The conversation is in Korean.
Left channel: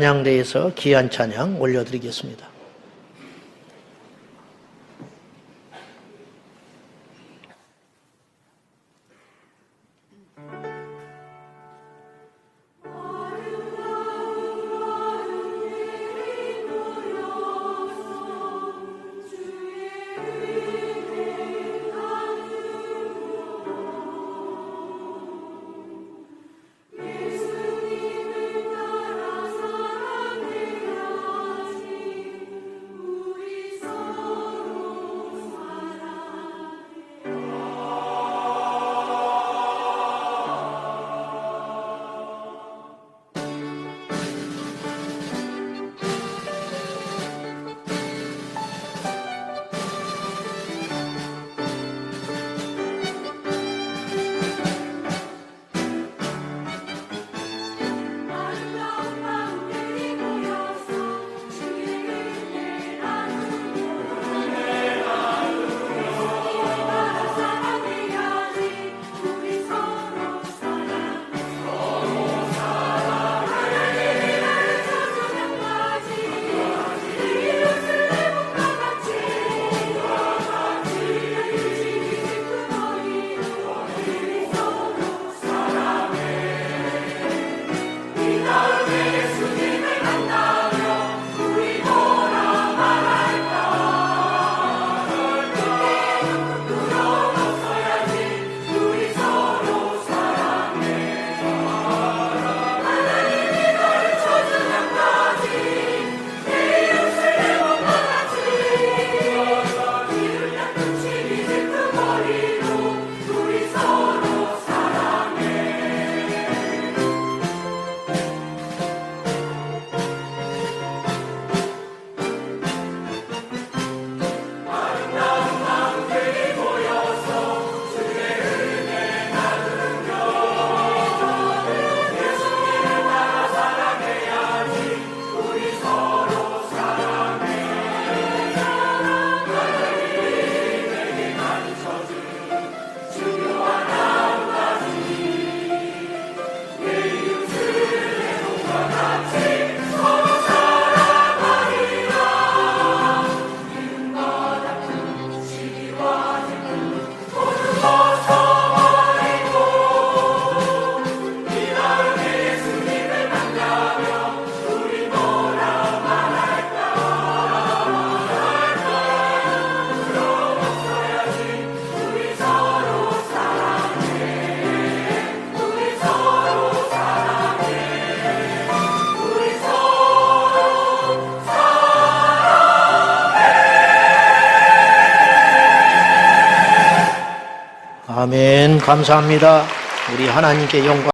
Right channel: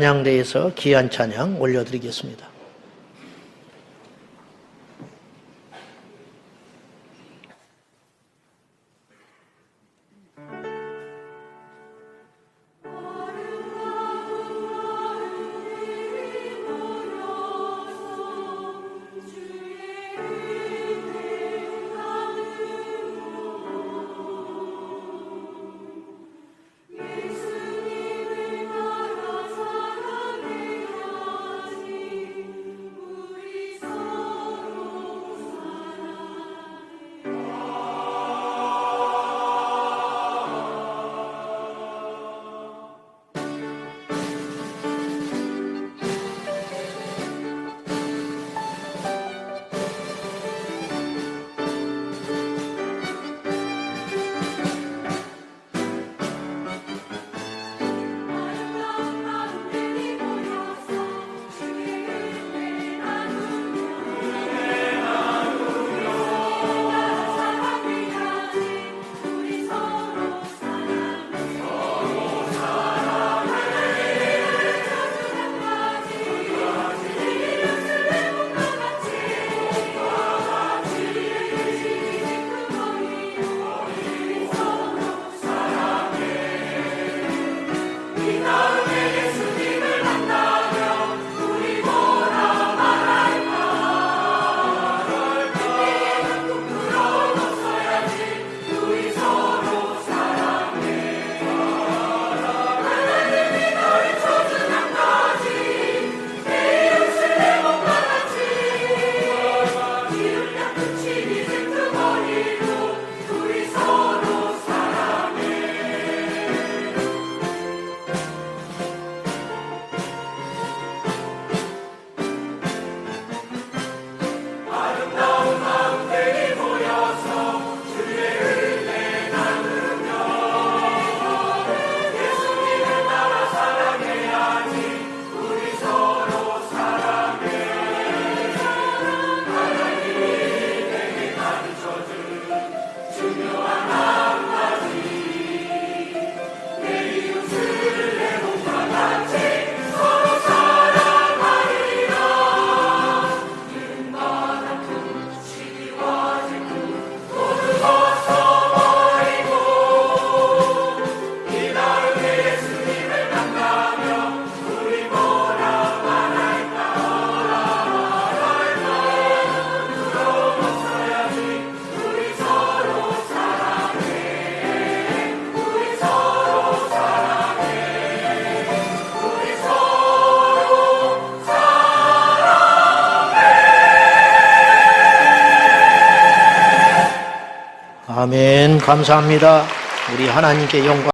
찬양대에서 귀한 찬양 올려드리겠습니다. 아멘. 감사합니다. 우리 하나님께 영광.